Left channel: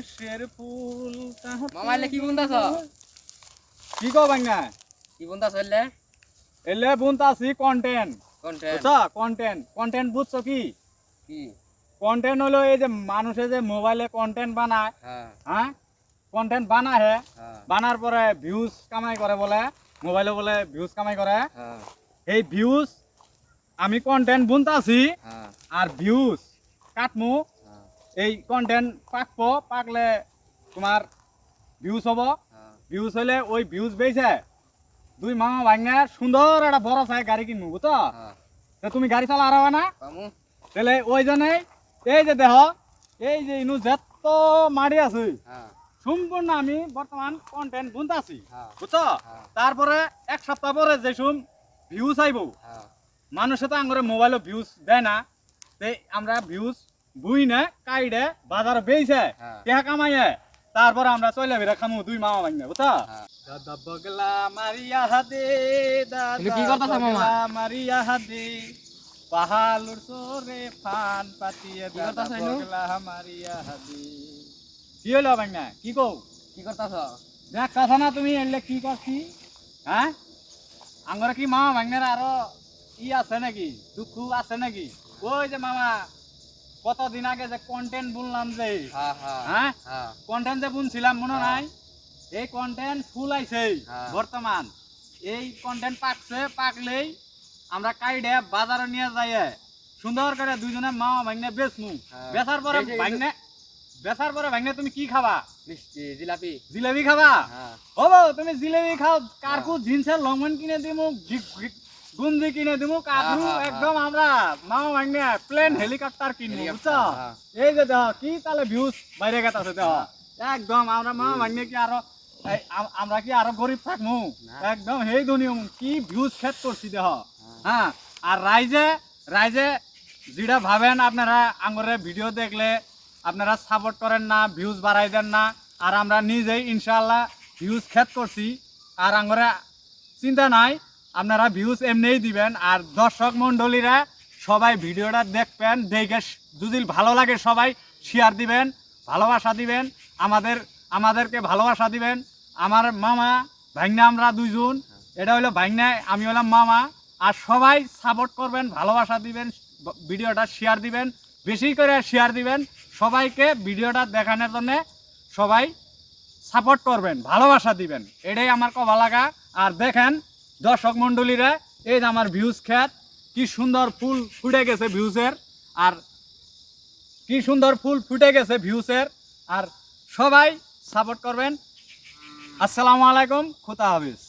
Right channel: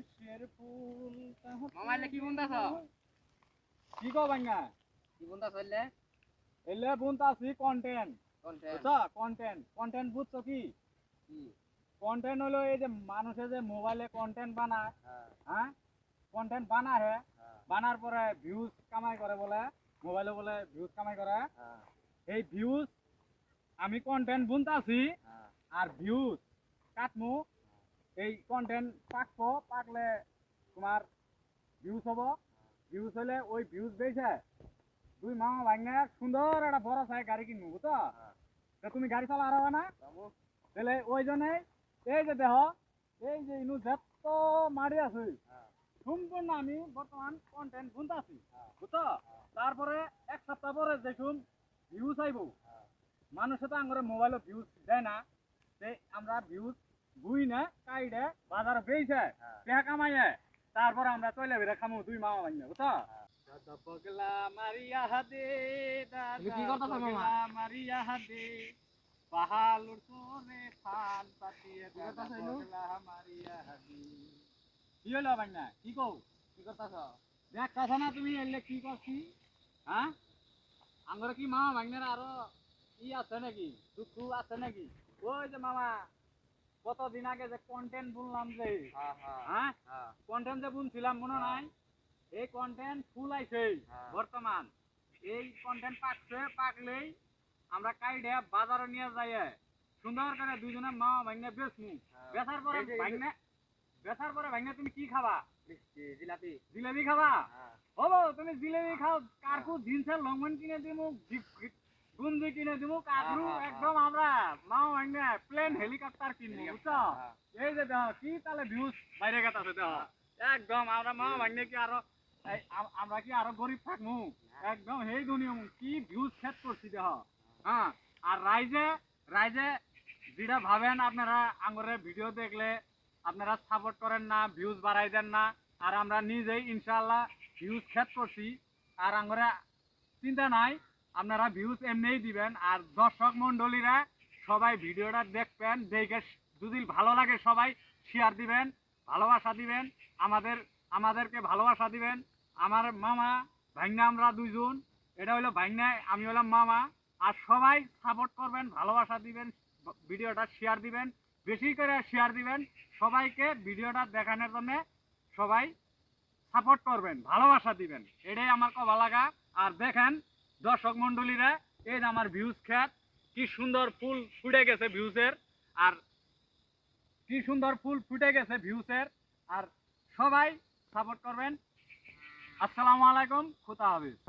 সর্ষের ফুল মামা এলে কি বুনতাছ? কি কও বাংলা কি বুনতাছ এলে? এলে বুনতাছি কন্টেন্ট কন্টেন্ট বুঝছো কন্টেন্ট বুঝছো কি কি? কন্টেন্ট হলো এই যে মানুষে যে মোবাইলে কন্টেন্ট বানায় হ্যাঁ হ্যাঁ কন্টেন্ট বানায় হ্যাঁ বানার পরে ভিউজ কামাই করে বলে মোবাইলে বলে ভিউজ কামাই করে হ্যাঁ এই ভিউজ আমি কন্টেন্ট বুনতাছি হ্যাঁ আর ভিউজ কাটমু হ্যাঁ এই কন্টেন্ট পাকলে তোমার ভিউজ হবো হ্যাঁ ভিউজ হলে ওই ভিউজ বেইছে দুই মামা ভাঙে সুন্দর একটা বড় সাই গাড়ি কিনবো বুঝছো হ্যাঁ তা তুমি গাড়ি চালা আরাবা না পামু তাহলে ওই জন্যই এই যে দেহ এই যে ইনু যত মারি আছে হ্যাঁ সম্পূর্ণ আমি বর্তমান কন্টেন্ট বুনতাছি হ্যাঁ বুঝছো হ্যাঁ তারপরে এক সপ্তাহ পরে যেসব ভিউজ আইবো হ্যাঁ মানুষে তো আঙ্গরে মোবাইলে ভিউজ দেয় না তাই আমরা ভিউজ বুই না কাইডে বাজারে বেইছে হ্যাঁ টেহা কামাইয়ে তারপরে আমরা চলে বেরা খামু দুই মামা ভাঙনে বুঝছো হ্যাঁ দাদা বগলা মারিয়া হাদে তুমি কি করতাছ মামা? মারিয়া হাদে পাহালুর সোরে ফান পাতিয়ে কি দাদা করতাছ এনু? বগলা মারিয়া হাদে কি হলো ভাঙনা কি কও কি করতাছ? দেখ কথা না তুমি এলে কি করছি হ্যাঁ আঙ্গরে কি মামা ভাঙনের আরো ই আছে নাকি দুঃখ আছে নাকি ওই যে মামা কতদিন আগে যে কন্টেন্ট বললাম যে হ্যাঁ হ্যাঁ হ্যাঁ হ্যাঁ কন্টেন্ট যে বুনছিলাম মনে হ্যাঁ। নাই এই কন্টেন্ট ফুল আইছে হ্যাঁ। বর্তমান এই কন্টেন্ট পাকলেই আমরা কাইডে বাজারে নিয়ে যাই সুন্দর করে দুইজনে মা ভাঙনে বেচমু হ্যাঁ। বেচার পরে ভাঙনে তুমি কি খাবা মিষ্টি জিলাপি জিলেবি খাবা হ্যাঁ হবো তুমি জিলেবি খাও কাকু হ্যাঁ। জিন্সের লংম্যান কিনে দিমু গুঞ্জি কিনে দিমু কাকু হ্যাঁ, হ্যাঁ, একদম আমরা মা ভাঙনে প্লেন হেলিকপ্টার কিনবো বুঝছো হ্যাঁ। এই যে দেখ কি তাহলে ভিউজ বাইরে গেছে দেখ একদম আমরা মা ভাঙনে কি আরো আমরা কি আরো গরিব থাকমু না। একদম হেই দুনিয়া কি ভিউজ সেট করছি দেহ হ্যাঁ আর রাইজে যেটা ভাবেন আপনারা আঙ্গরে ভিডিও দেখলে আপনারা সাপোর্ট করেন না ভিউজ বাড়াই দেন না আর আমরা নিজেই ইনশাআল্লাহ ভিউজ খেত করছি আর আঙ্গরে চিন্তা নাই আপনারা ভিউজ এমনিই দিবেন আর দর্শক মণ্ডলীরা সবাই ভিডিওটা দেখবেন দেখে যদি ভালো লাগে সবাই শেয়ার দিবেন ভালোবাসা দিবেন আমাদেরকে ভালোবাসা দিবেন আমার মামা ভাইগনা আমরা দুইজন এটা হলো ভাইগনা আমি হলাম মামা আর সবাই সাপোর্ট করবেন ভালোবাসা দিবেন ভিডিওটা শেয়ার দিবেন বেশি করে শেয়ার দিবেন সবাইকে ভিডিওটা দেখানোর জন্য সবাই সাপোর্ট করবেন ভালোবাসা দিবেন এটাই আমার কথা লাগা আর দেখেন দর্শক মণ্ডলীরা এই যে আমার ভিউজ খেত কি সুন্দর ফুল ফুটে গেছে ভিউজের আর কি সুন্দর ফুল ফুটে গেছে ভিউজের আর সবাই সাপোর্ট করবেন আসসালামু আলাইকুম খুদা হাফেজ।